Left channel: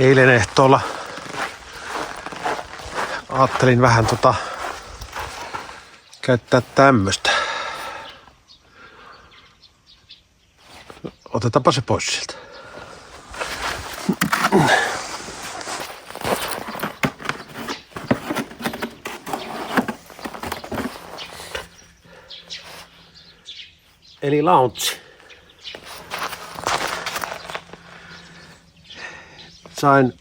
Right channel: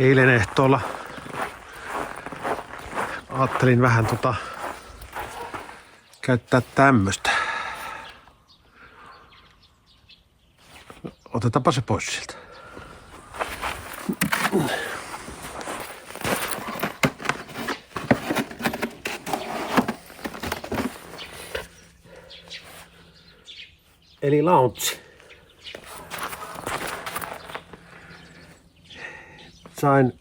Eilen ehtoolla ajattelin vähän käyttää tämmöstä. Otetaanpa se pois sieltä. Eli Launch. Sain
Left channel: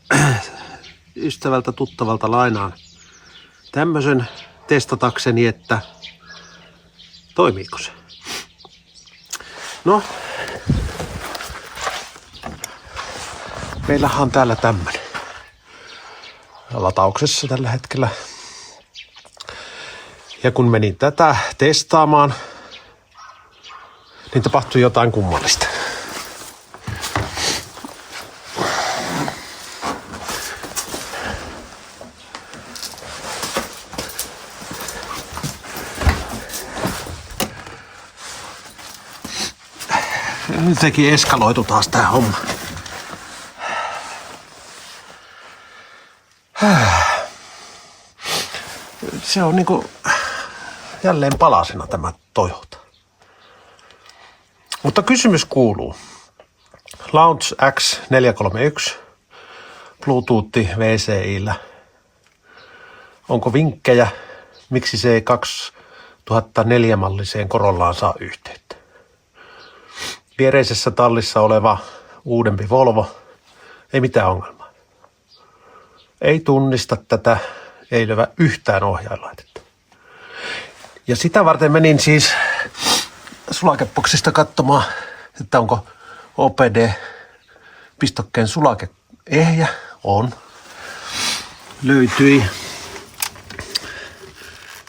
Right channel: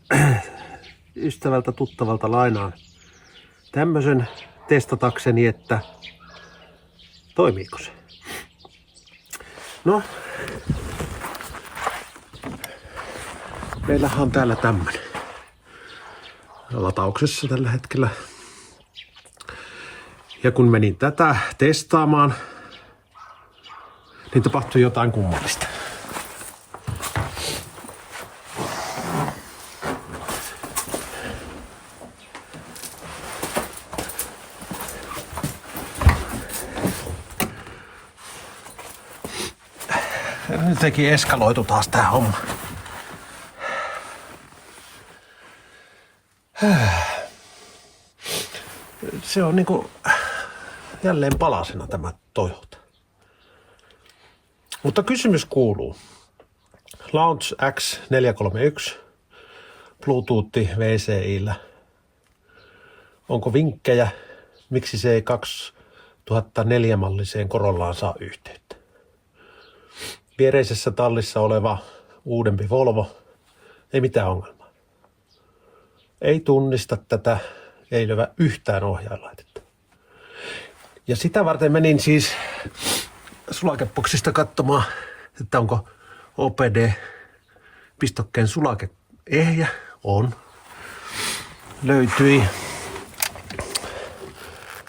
ystävältä tuttavalta lainaan tämmösen testatakseni, että toimiiko se. No, meillähän on täällä tämmönen latauksessa tällä hetkellä. Ja kun menin tätä testaamaan, niin tapahtui jotain kummallista. Sekin eskaloitu taas tää homma. Se on niinku jälleen palasena tämä Toyota. Mutta kysymys kuuluu. Launch X431 Bluetooth VCI:llä. Onko vinkkejä, miksi se 2004 malliseen Corollaan saa yhteyttä? Viereisessä tallissa oleva uudempi Volvo, ei mitään ongelmaa. Ei tunnista tätä, ei löyä yhtään ohjainlaitetta. Ja sitä varten menin siis sulakeboksista katsomaan, että onko OPD-pistokkeen sulake ehjä. On. Löytyi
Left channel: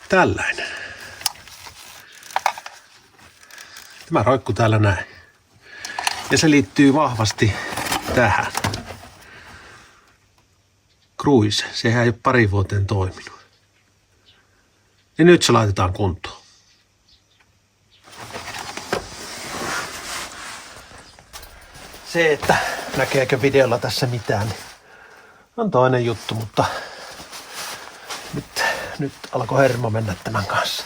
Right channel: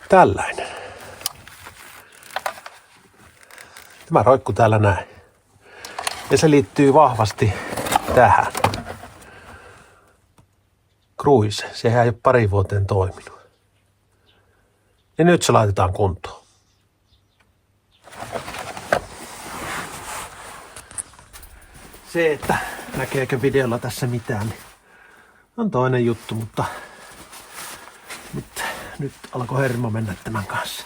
tällainen. Tämä roikku täällä näin. Ja se liittyy vahvasti tähän. Cruise. Sehän ei ole pari vuoteen toiminut. Ja nyt se laitetaan kuntoon. Se, että näkeekö videolla tässä mitään, niin on toinen juttu, mutta nyt alkoi hermo mennä tämän kanssa.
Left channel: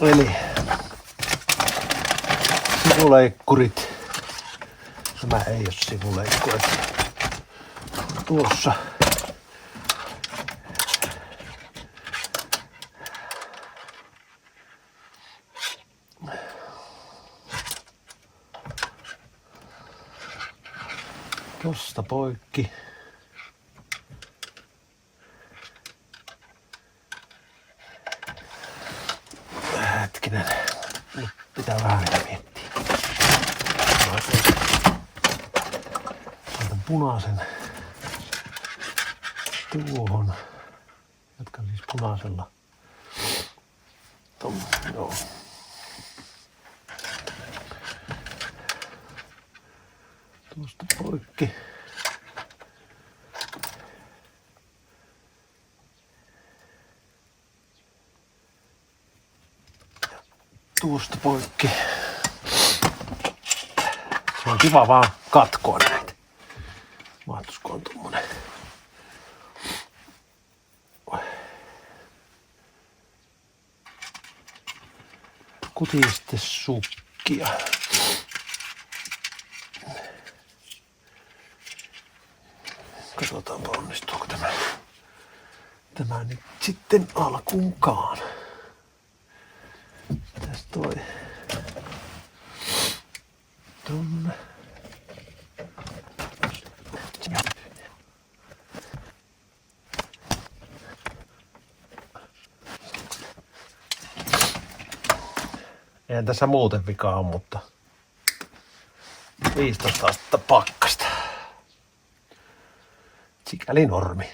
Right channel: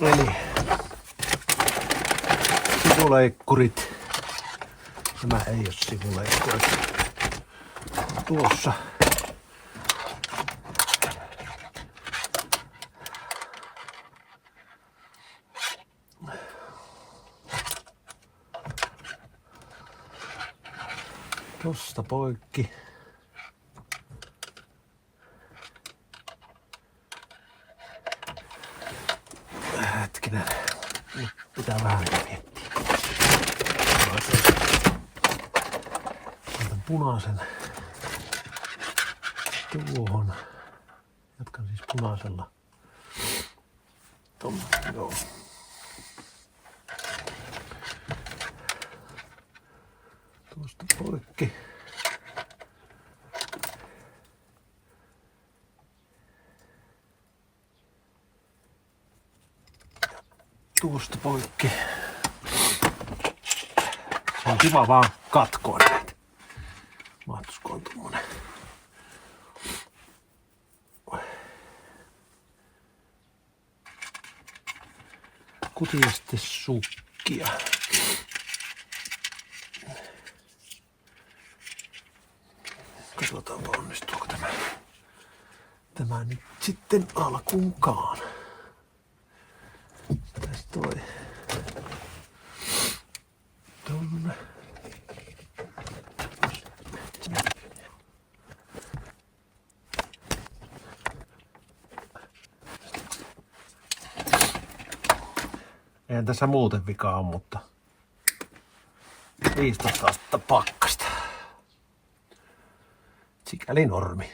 Eli sivuleikkurit. Tämä ei ole sivuleikkuri. Tuossa. Tosta poikki. Hetkinen. Nyt pitää vähän miettiä. Laitan punaisen tuohon. Jatkan siis punaisella. Joo. Tuosta poikki. Tuosta poikki. Se on kiva vaan katkoa näitä. Mahtusko on tommonen. Kutiste sukkia. Katsotaanpa onnistuuko tämä nyt sitten alkuunkaan. Tässä toi tonne. Eihän tässä muuten vikaa on, mutta 15 astetta pakkasta. Sikäli normi.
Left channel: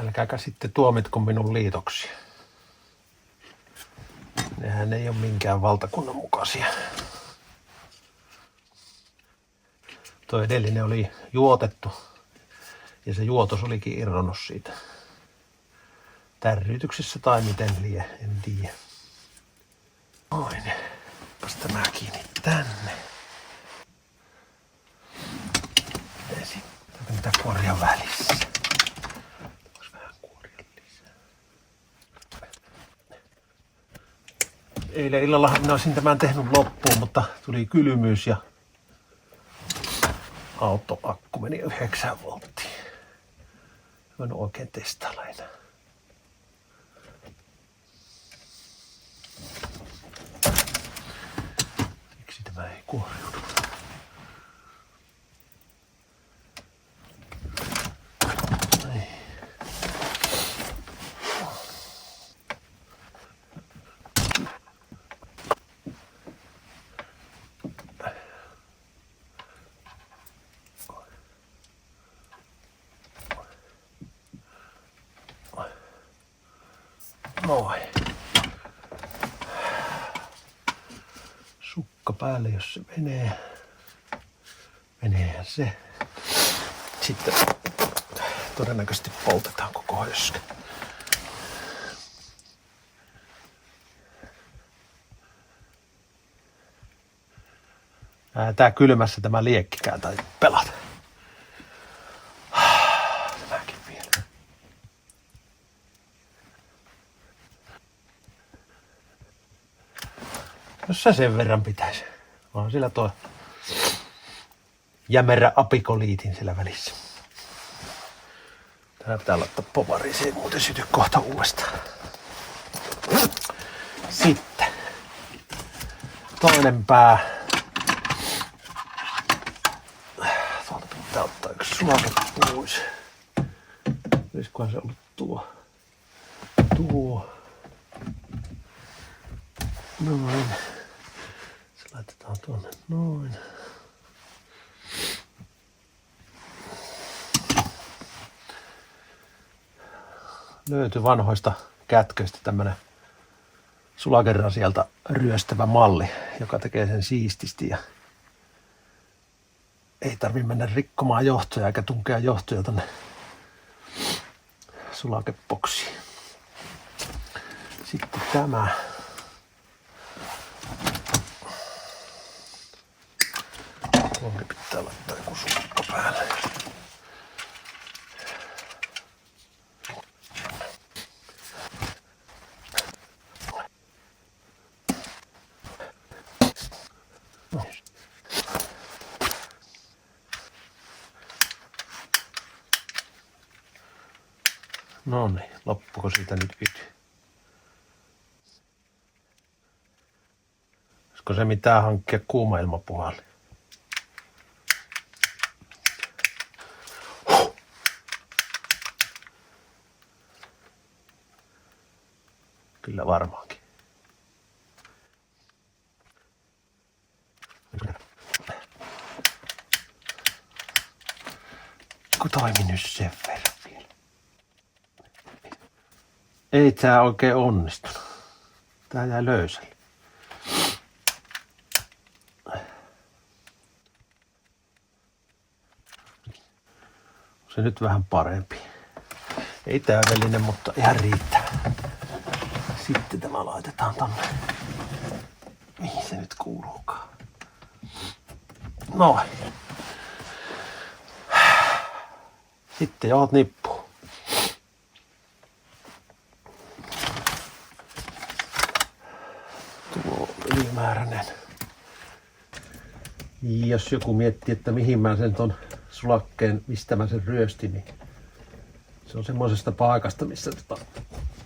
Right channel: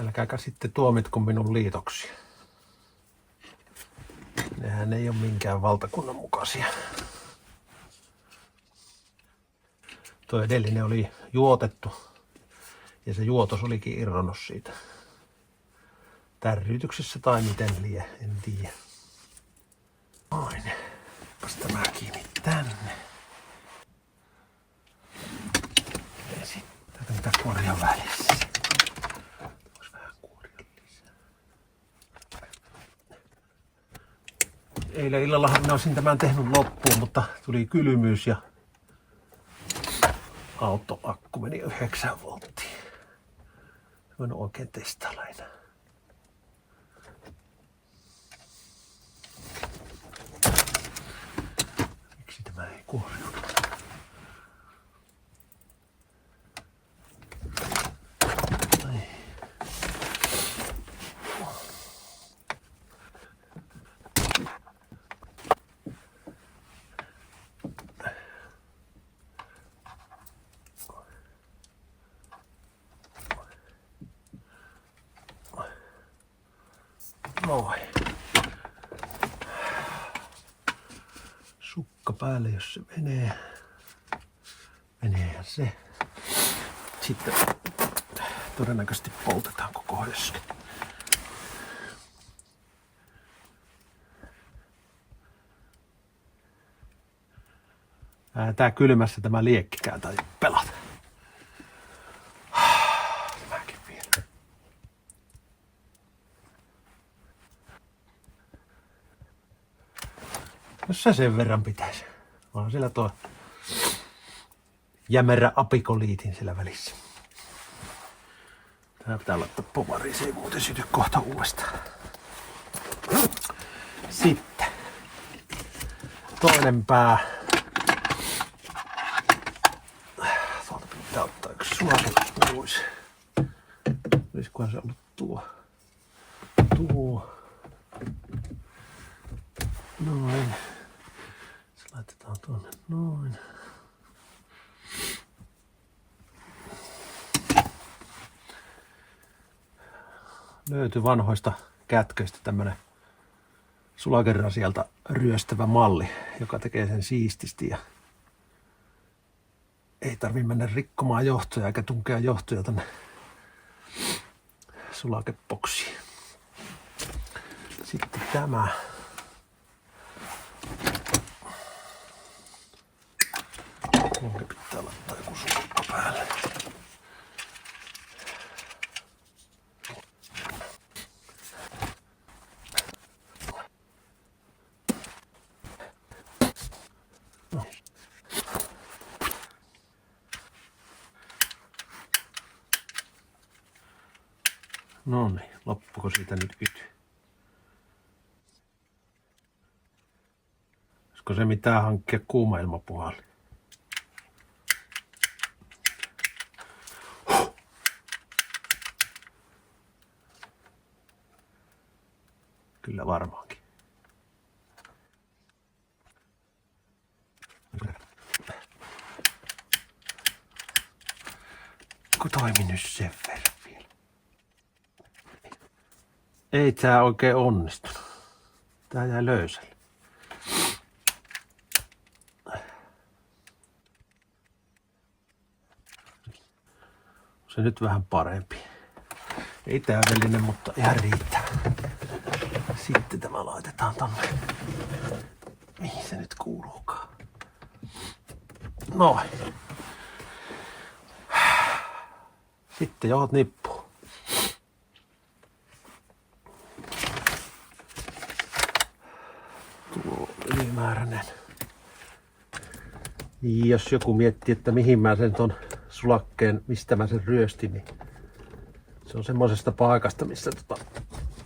Älkääkä sitten tuomitko minun liitoksia. Nehän ei ole minkään valtakunnan mukaisia. Tuo edellinen oli juotettu ja se juotos olikin irronnut siitä. Tärrytyksessä tai miten liian, en tiedä. tänne. Ja sitten niitä korjan välissä. Voisi vähän kuoria lisää. Eilen illallahan minä olisin tämän tehnyt loppuun, mutta tuli kylmyys ja autoakku meni 9 volttiin. En oikein testailla enää. Miksi tämä ei kuoriudu? Noin. Sukka päälle, jos se menee. Meneehän se. Sitten todennäköisesti poltetaan koko höskä. Tää kylmässä tämä liekkikään tai pelata. Tämäkin vielä. Jos se sen verran pitäisi. On sillä tuo jämerä apikoliitin sillä välissä. Täällä ottaa povari, se ei muuten syty kohta uudestaan. Sitten toinen pää. Tuolta pitää ottaa yksi sulake pois. Olisikohan se ollut tuo. Noin. Se laitetaan tuonne noin. Löytyi vanhoista kätköistä tämmönen sulakerasialta ryöstävä malli, joka tekee sen siististi ja ei tarvi mennä rikkomaan johtoja eikä tunkea johtoja tänne sulakepoksiin. Sitten tämä. Tuohon pitää laittaa joku sulakka päälle. No niin, loppuko siitä nyt yty? Olisiko se mitään hankkia kuuma ilmapuhalli? Kyllä varmaankin. Kun toimi nyt sen verran vielä. Ei tää oikein onnistunut. Tää jäi löysälle. Se nyt vähän parempi. Ei täydellinen, mutta ihan riittää. Sitten tämä laitetaan tonne. Mihin se nyt kuuluukaan? Noin. Sitten johot nippuun. Tuo ylimääräinen. Jos joku miettii, että mihin mä sen ton sulakkeen, mistä mä sen ryöstin, niin se on semmoisesta paikasta, missä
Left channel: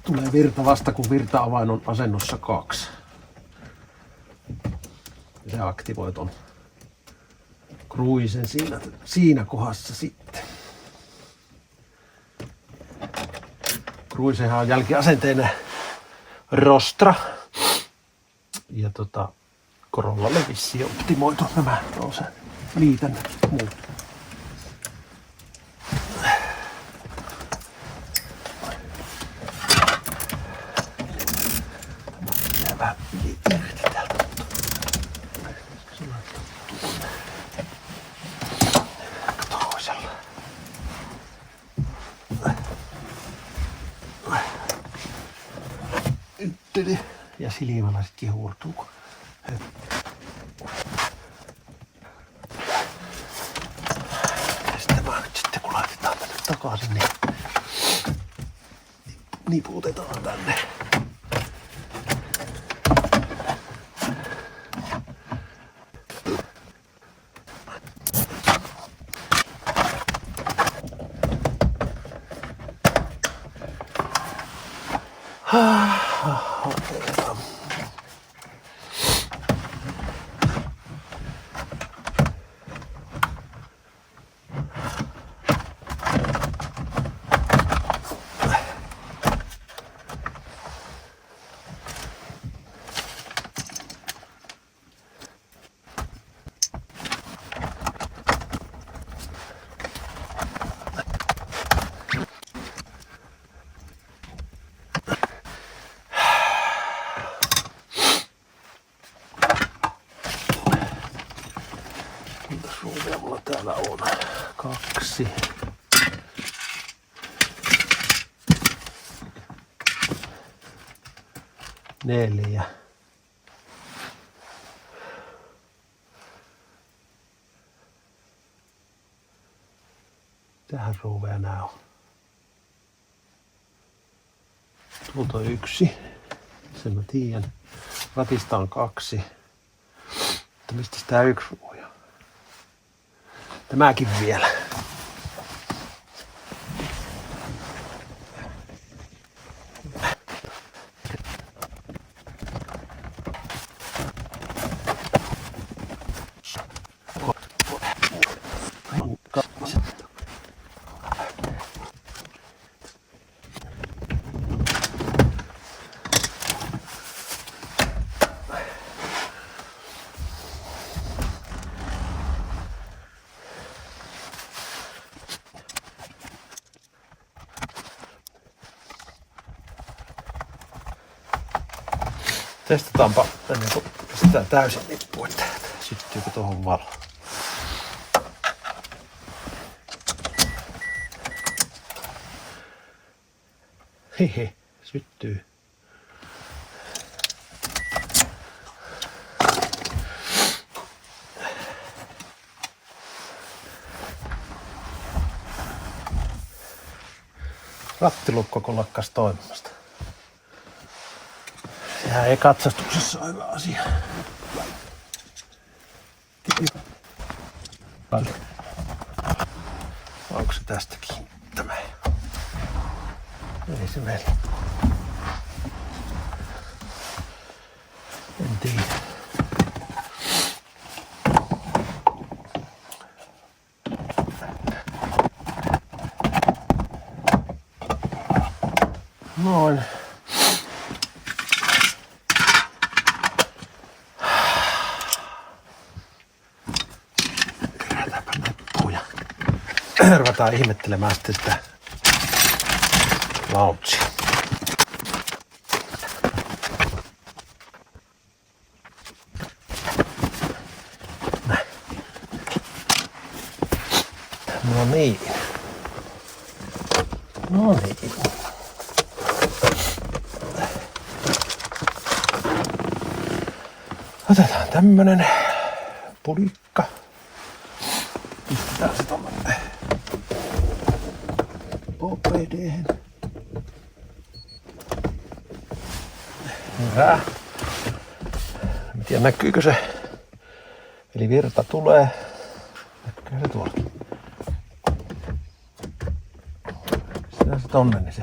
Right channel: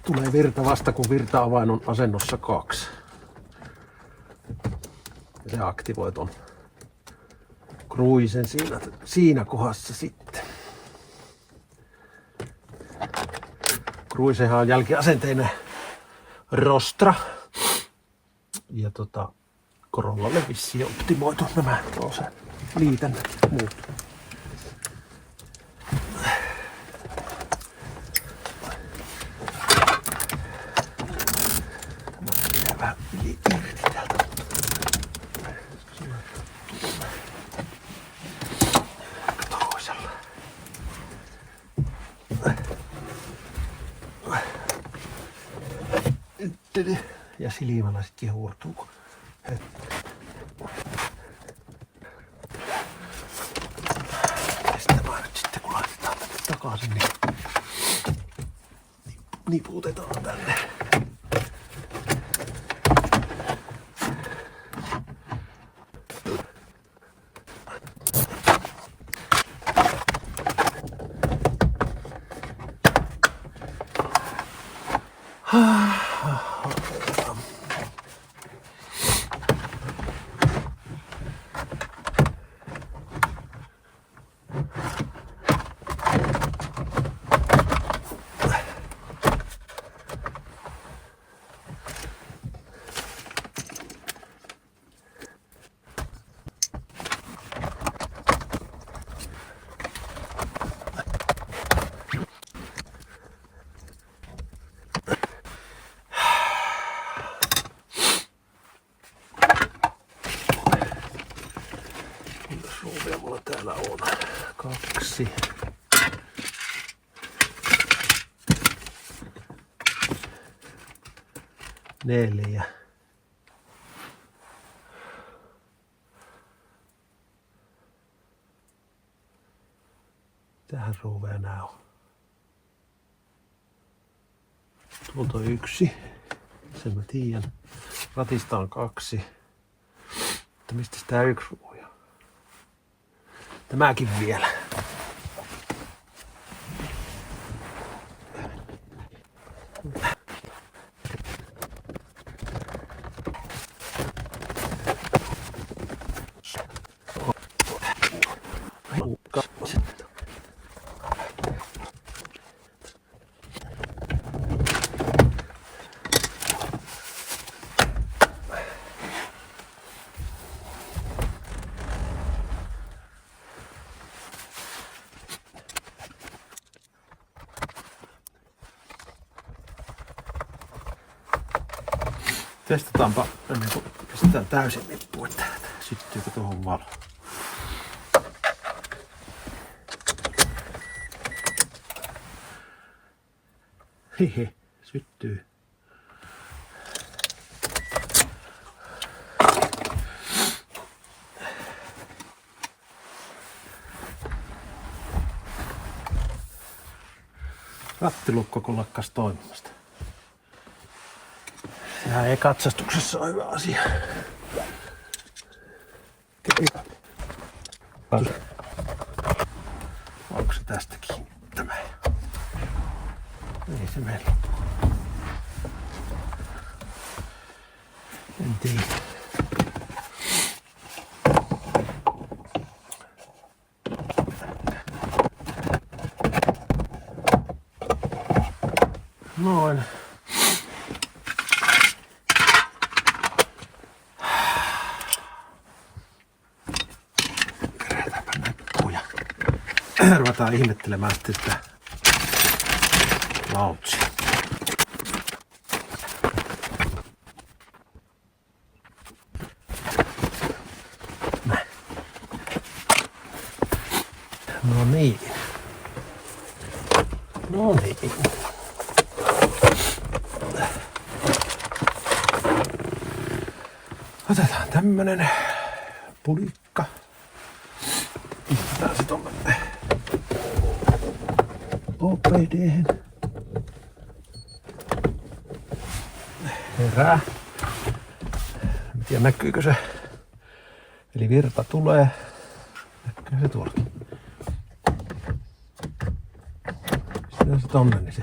tulee virta vasta, kun virta-avain on asennossa 2. Ja se aktivoi ton kruisen siinä kohdassa sitten. Kruisehan on jälkiasenteinen Rostra. Ja Corollalle vissiin optimoitu nämä Rosen liitän muut. Vähän irti täältä. Toisella. Ja silmällä sitten huurtuu. takaisin, niin niputetaan tänne. Mitäs ruuvia mulla täällä on? 2. Neljä. Tähän ruuveja nää on. Tuolta on 1. Sen mä tiedän. Ratista on 2. Mutta mistä tää 1 ruuja? Tämäkin vielä. Testataanpa ennen kuin pistetään täysin nippu, että syttyykö tuohon valo. Hehe, syttyy. Rattilukko kun lakkas toimimasta. Sehän ei katsastuksessa ole hyvä asia. Onko se tästä kiinnittämä? Ei se meillä ole. En tiedä. Noin. Ruvetaan ihmettelemään sitten sitä lautsia. Näin. No niin. No niin. Otetaan tämmönen pulikka. Pistetään se tonne OPD:hen. Herää. En tiedä näkyykö se. Eli virta tulee. Näkyy se tuolla. Pistetään se tonne, niin se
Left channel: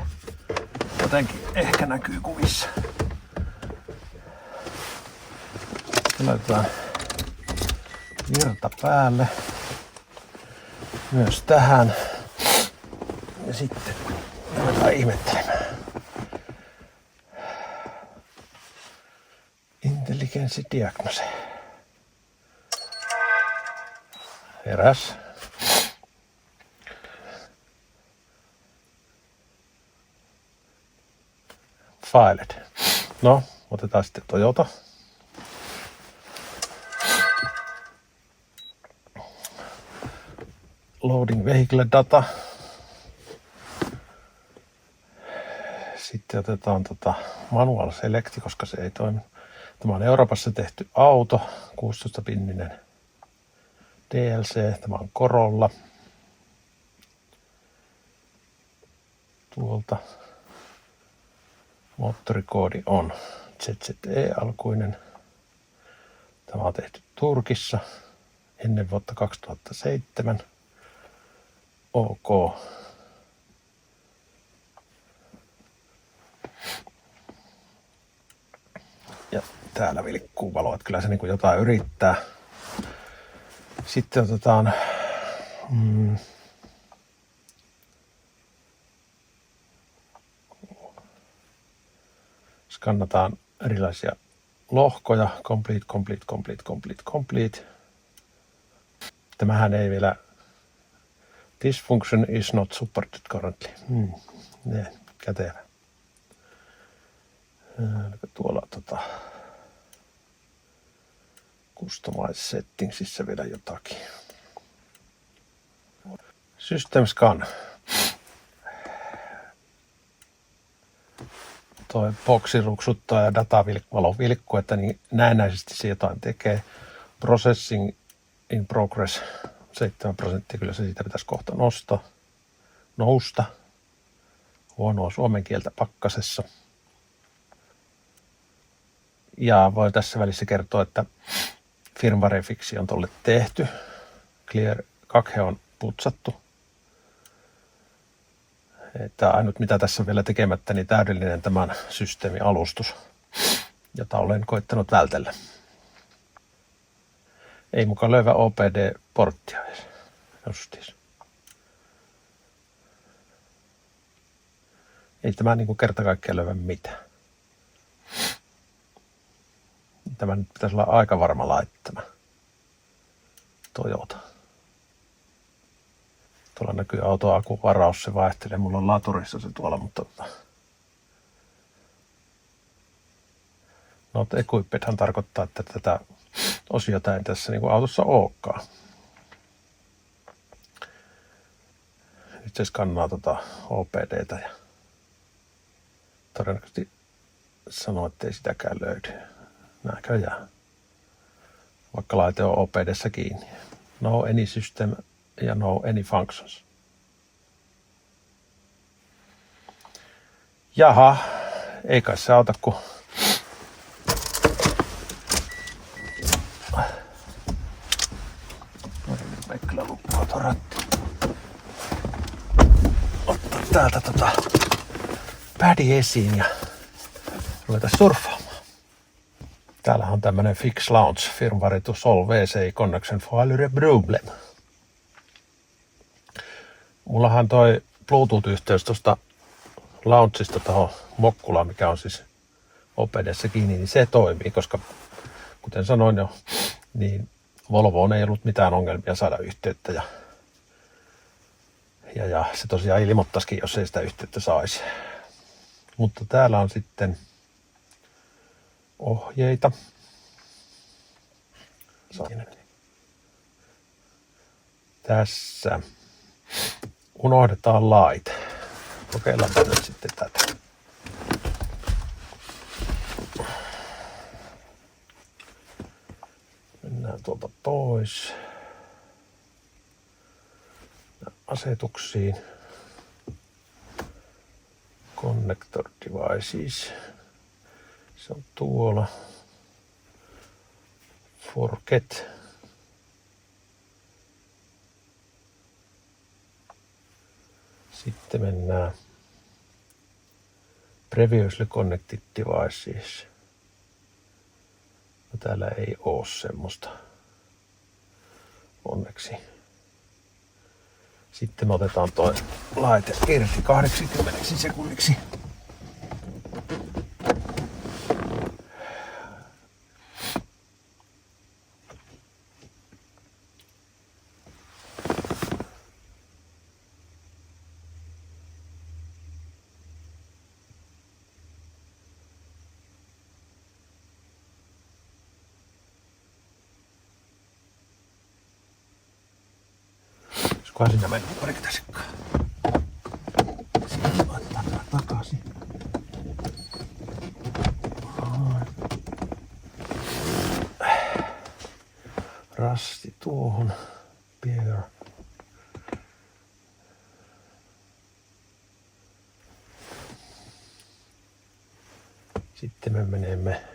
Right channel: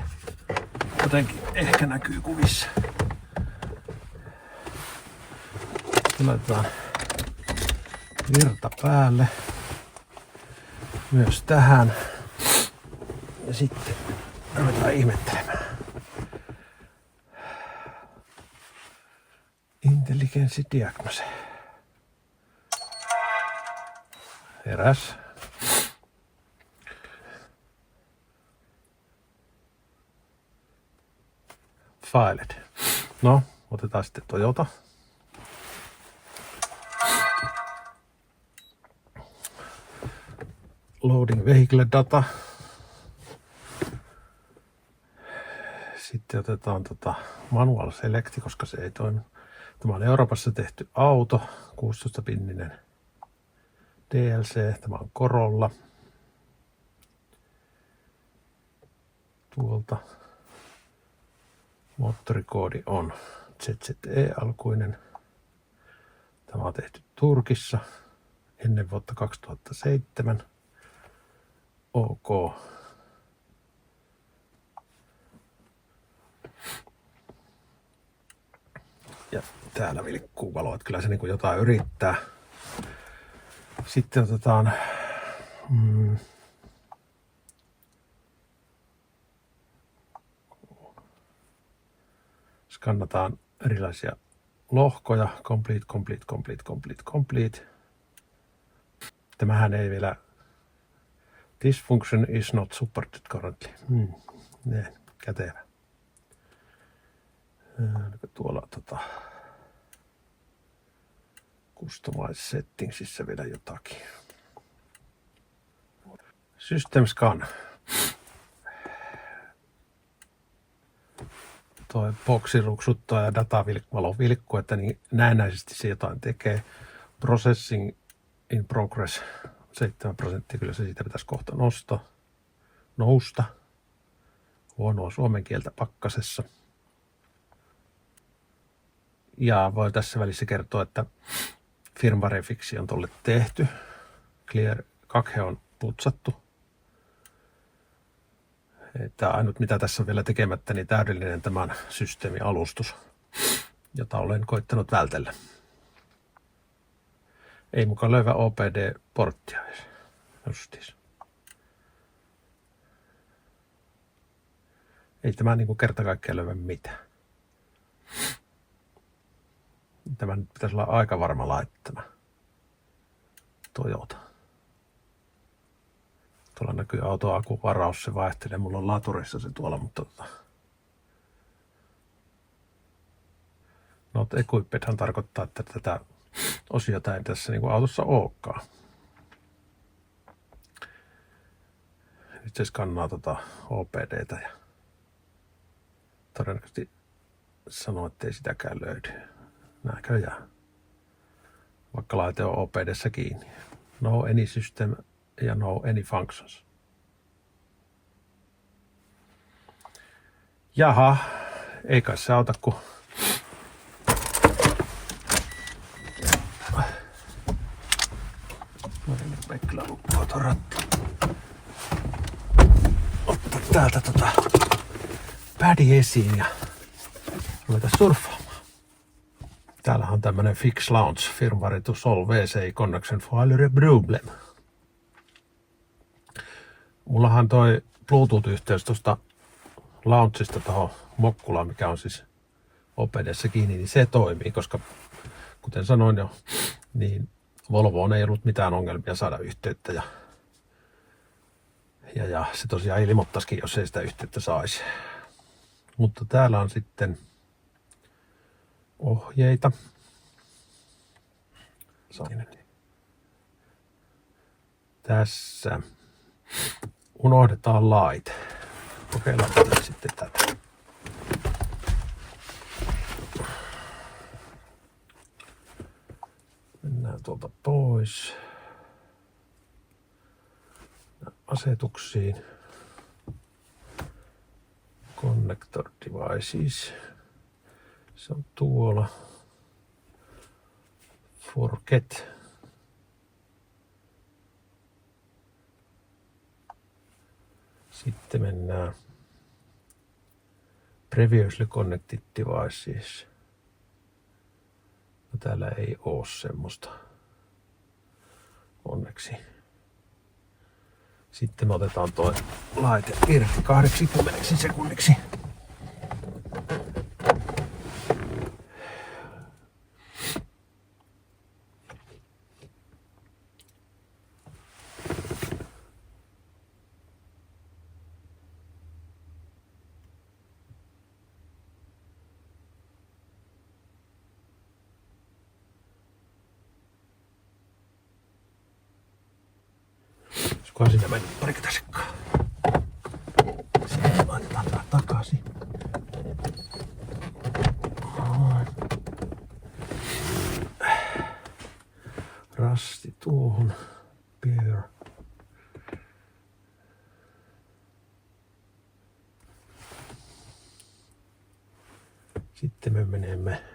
jotenkin ehkä näkyy kuvissa. Laitetaan virta päälle. Myös tähän. Ja sitten ruvetaan ihmettelemään. Intelligenssidiagnose. Heräs. Filed. No, otetaan sitten Toyota. Loading vehicle data. Sitten otetaan manual select, koska se ei toimi. Tämä on Euroopassa tehty auto, 16-pinninen DLC. Tämä on Corolla. tuolta. Moottorikoodi on ZZE-alkuinen. Tämä on tehty Turkissa ennen vuotta 2007. OK. Ja täällä vilkkuu valo, että kyllä se niin kuin jotain yrittää. Sitten otetaan skannataan erilaisia lohkoja. Complete. Tämähän ei vielä. This function is not supported currently. Kätevä. Tuolla Customize settingsissa vielä jotakin. System scan. Toi boksi ruksuttaa ja datavalo vilkkuu, että niin näennäisesti se jotain tekee. Processing in progress 7%, kyllä se siitä pitäisi kohta nousta. Huonoa suomen kieltä pakkasessa. Ja voi tässä välissä kertoa, että firmware-fiksi on tolle tehty. Clear 2 on putsattu. Että ainut mitä tässä on vielä tekemättä, niin täydellinen tämän systeemin alustus, jota olen koittanut vältellä. Ei mukaan löyvä OPD-porttia edes. Justiis. Ei tämä niin kuin kerta kaikkiaan löyvä mitään. Tämä nyt pitäisi olla aika varma laittama. Toyota. Tuolla näkyy autoakun varaus, se vaihtelee. Mulla on laturissa se tuolla, mutta not equippedhan tarkoittaa, että tätä osiota ei tässä niin kuin autossa olekaan. Nyt se skannaa OPDtä ja todennäköisesti sanoo, että ei sitäkään löydy. Näköjään. Vaikka laite on OPDssä kiinni. No any system ja no any functions. Jaha, ei kai se auta kun ei kyllä luppaa tuon rattu. Ottaa täältä pädi esiin ja ruveta surffaamaan. Täällähän on tämmönen Fix Launch firmware to solve VCI connection failure problem. Mullahan toi Bluetooth-yhteys tuosta launchista tuohon Mokkulaan, mikä on siis OPDssä kiinni, niin se toimii, koska kuten sanoin jo, niin Volvoon ei ollut mitään ongelmia saada yhteyttä ja se tosiaan ilmoittaisikin, jos ei sitä yhteyttä saisi. Mutta täällä on sitten ohjeita. Tässä unohdetaan laite. Kokeillaan nyt sitten tätä. Mennään tuolta pois. Asetuksiin. Connector devices. Se on tuolla. Forget. Sitten mennään Previously Connected Devices. No, täällä ei oo semmoista. Onneksi. Sitten me otetaan tuo laite irti 80 sekunniksi. Olisikohan siinä mennyt parikymmentä sekkaa. Siihen laitetaan takaisin. Rasti tuohon. Bear. Sitten me menemme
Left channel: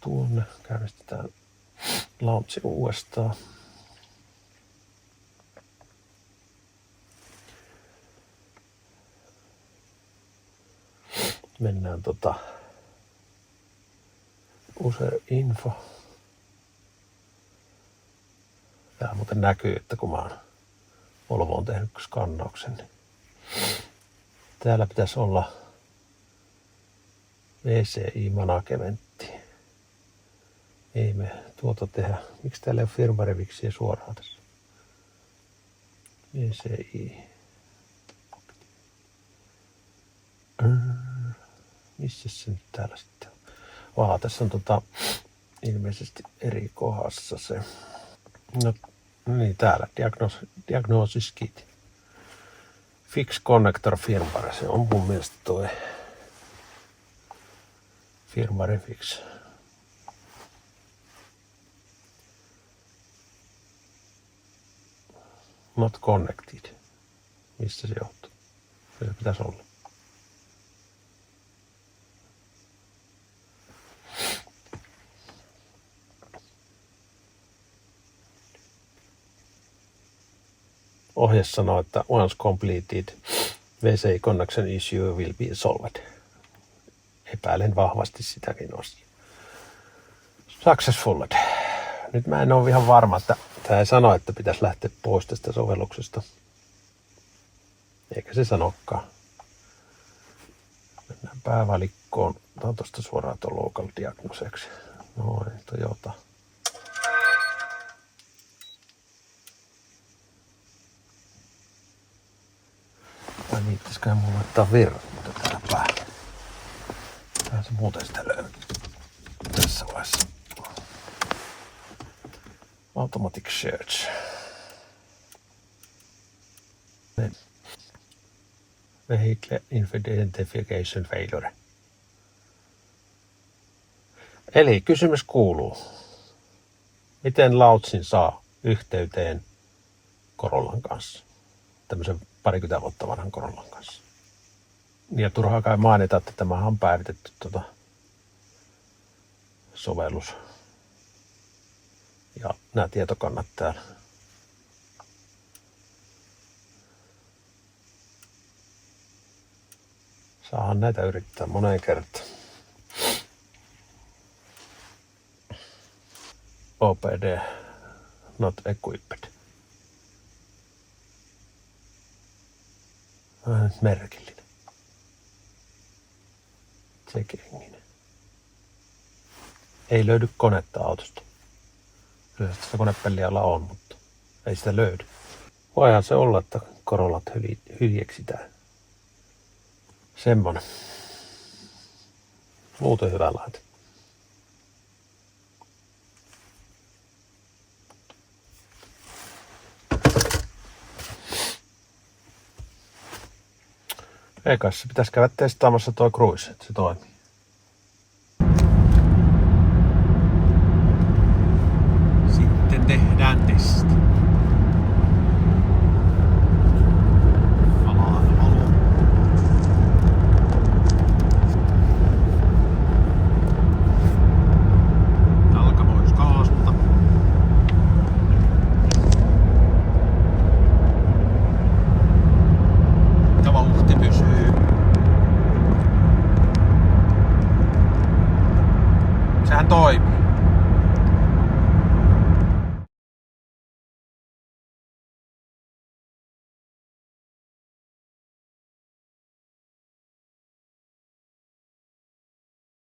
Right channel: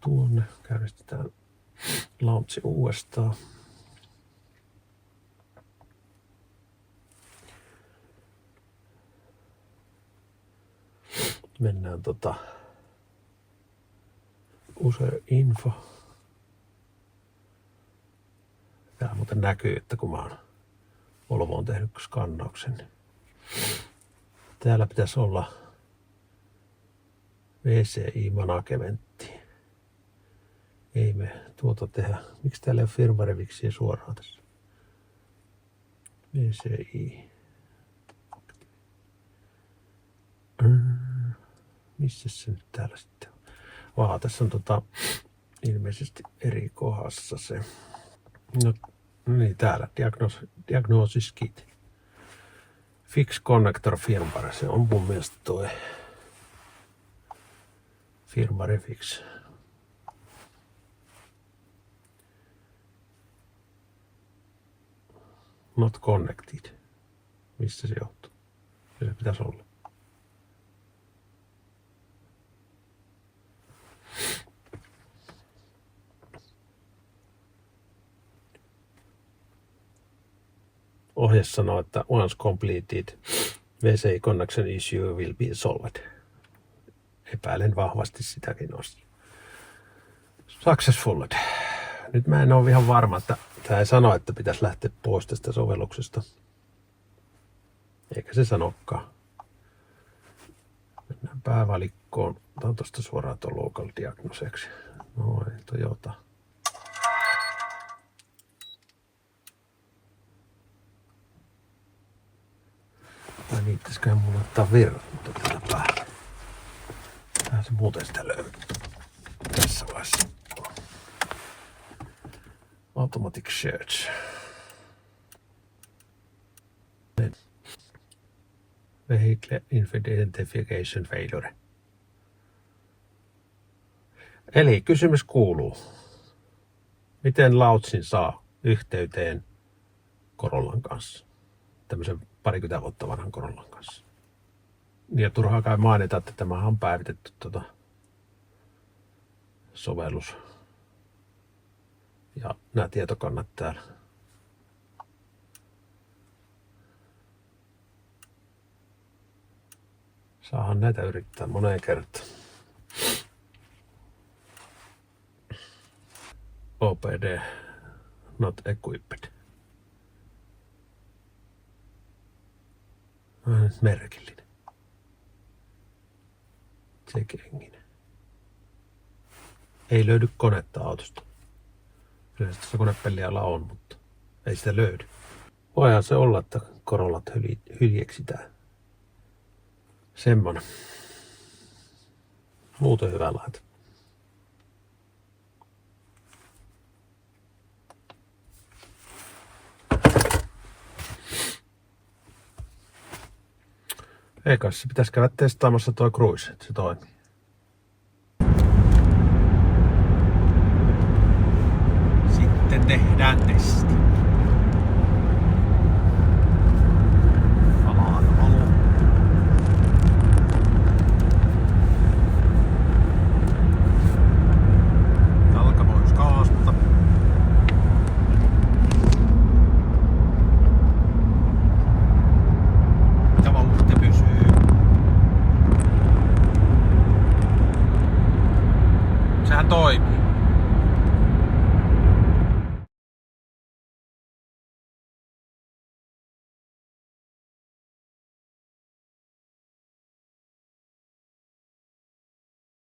tuonne, käynnistetään launchi uudestaan. Mennään user info. Täällä muuten näkyy, että kun mä oon Volvoon tehnyt skannauksen, niin täällä pitäisi olla VCI managementti. Ei me tuota tehdä. Miksi täällä ei ole firmware-viksiä suoraan tässä? VCI. Missä se nyt täällä sitten on? Tässä on ilmeisesti eri kohdassa se. No niin, täällä Diagnosis Kit. Fix Connector Firmware. Se on mun mielestä toi Firmware Fix. Not connected. Missä se johtuu? Se pitäisi olla. Ohje sanoo, että once completed, VCI connection issue will be solved. Epäilen vahvasti sitäkin asiaa. Successful. Nyt mä en ole ihan varma, että tämä ei sano, että pitäisi lähteä pois tästä sovelluksesta. Eikä se sanokaan. Mennään päävalikkoon. Otan tuosta suoraan tuon local diagnoseksi. Noin, Toyota. Vai niin, pitäisiköhän mulla laittaa virrat täällä päällä. Tää se muuten sitä löytyy. Tässä vaiheessa. Automatic search. Vehicle identification failure. Eli kysymys kuuluu. Miten Lautsin saa yhteyteen Corollan kanssa? Tämmöisen 20 vuotta vanhan Corollan kanssa. Ja turhaa kai mainita, että tämä on päivitetty sovellus. Ja nämä tietokannat täällä. Saahan näitä yrittää moneen kertaan. OPD not equipped. Vähän nyt merkillinen. Check-engine. Ei löydy konetta autosta. Kyllä sitä konepellialla on, mutta ei sitä löydy. Voihan se olla, että Corollat hyljeksitään. Semmonen. Muuten hyvä laite. Ei kai se pitäisi käydä testaamassa toi Cruise, että se toimii.